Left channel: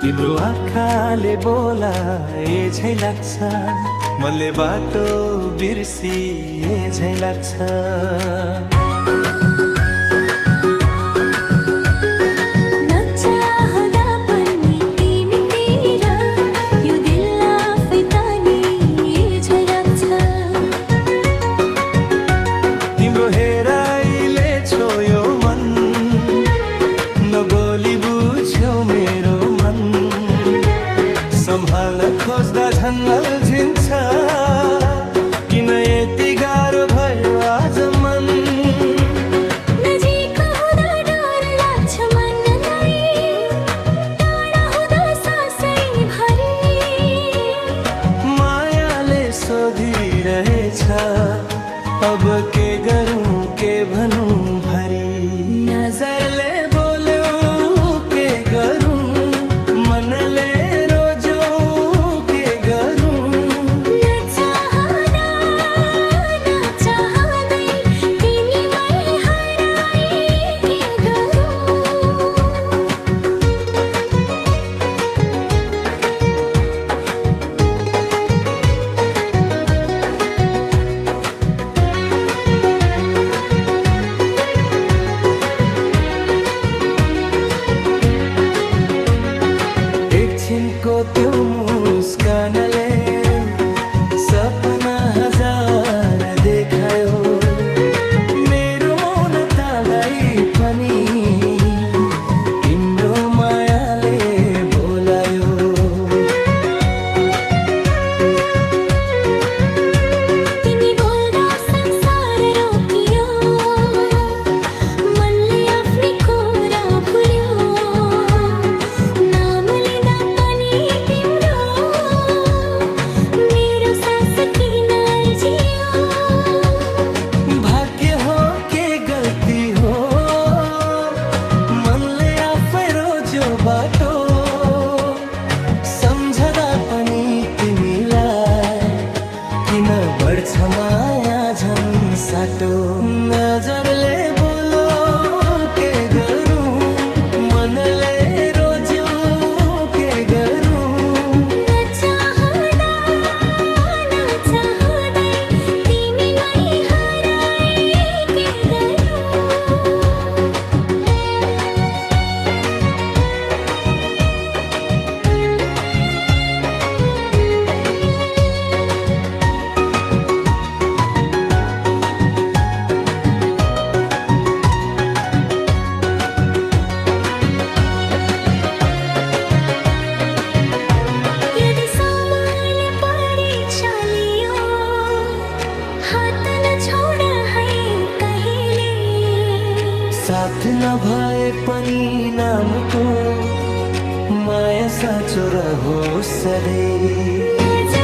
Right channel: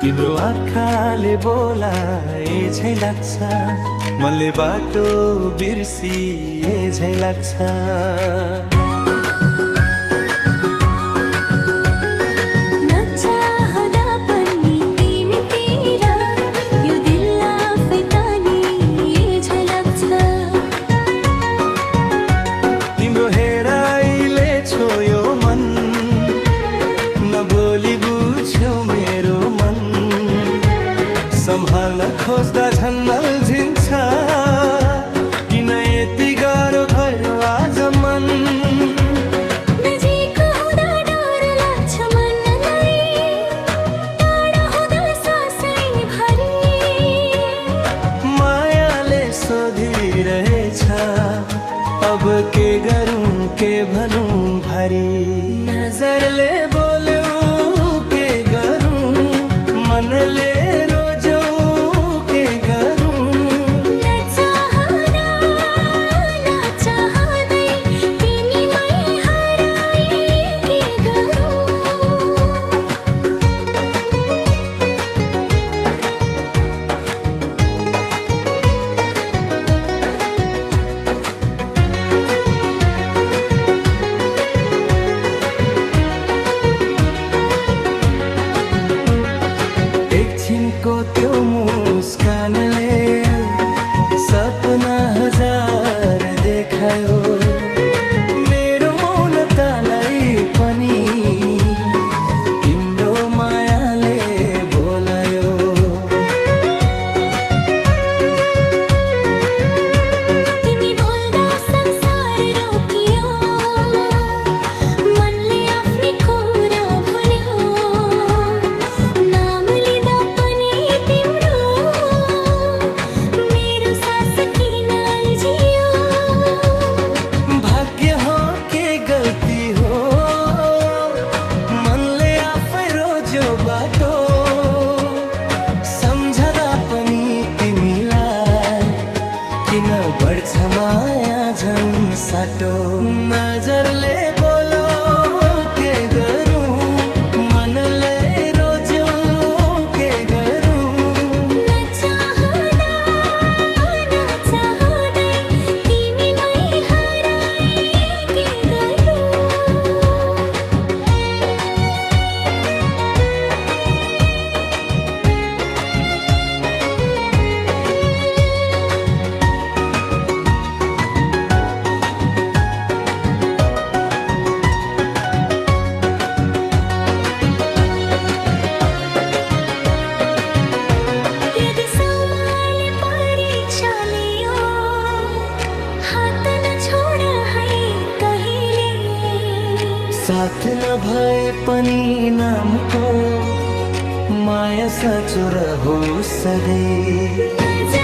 तिम्रो आँखाले बोलाए झै लाग्छ, मनले बाटो बिर्सिए झै लाग्छ। नचाहँदा पनि तिमीतिर यो दिल आफै तानिए झै लाग्छ। तिम्रो हेराइले छोयो मन, नबोली बुझ्यौ मेरो मन। सम्हाल्न खोज्दा झन् अल्झिन्छ, किन यति गाह्रो भयो आज मन। नजिक हुँदा डर लाग्छ मनलाई, टाढा हुँदा सासै भरी। मायाले सोधिरहेछ, अब के गरौँ के भनौँ भारी। नजरले बोल्यो के गरौँ, मनले रोज्यो के गरौँ। नचाहँदा नचाहँदै तिमीमै हराए के गरौँ। एकछिनको त्यो मुस्कानले सपना हजार देखायो, मेरो मौनतालाई पनि तिम्रो मायाले बोलायो। तिमी बोल्दा संसार रोकियो, मनले आफ्नै कुरा भुल्यो। नाम लिँदा पनि तिम्रो, मेरो सास किन अल्झियो। भाग्य हो के गल्ती हो, मनले आफै रोज्यो बाटो। सम्झदा पनि तिमीलाई किन बढ्छ माया झन् साटो। नजरले बोलो के गरौँ, मनले रोज्यो के गरौँ। नचाहँदा नचाहँदै तिमीमै हराए के गरौँ। यदि समय परीक्षा लियो, हात नछोड है कहिले। साथ नभए पनि नामको माया साँचो रहोस् सधैँ।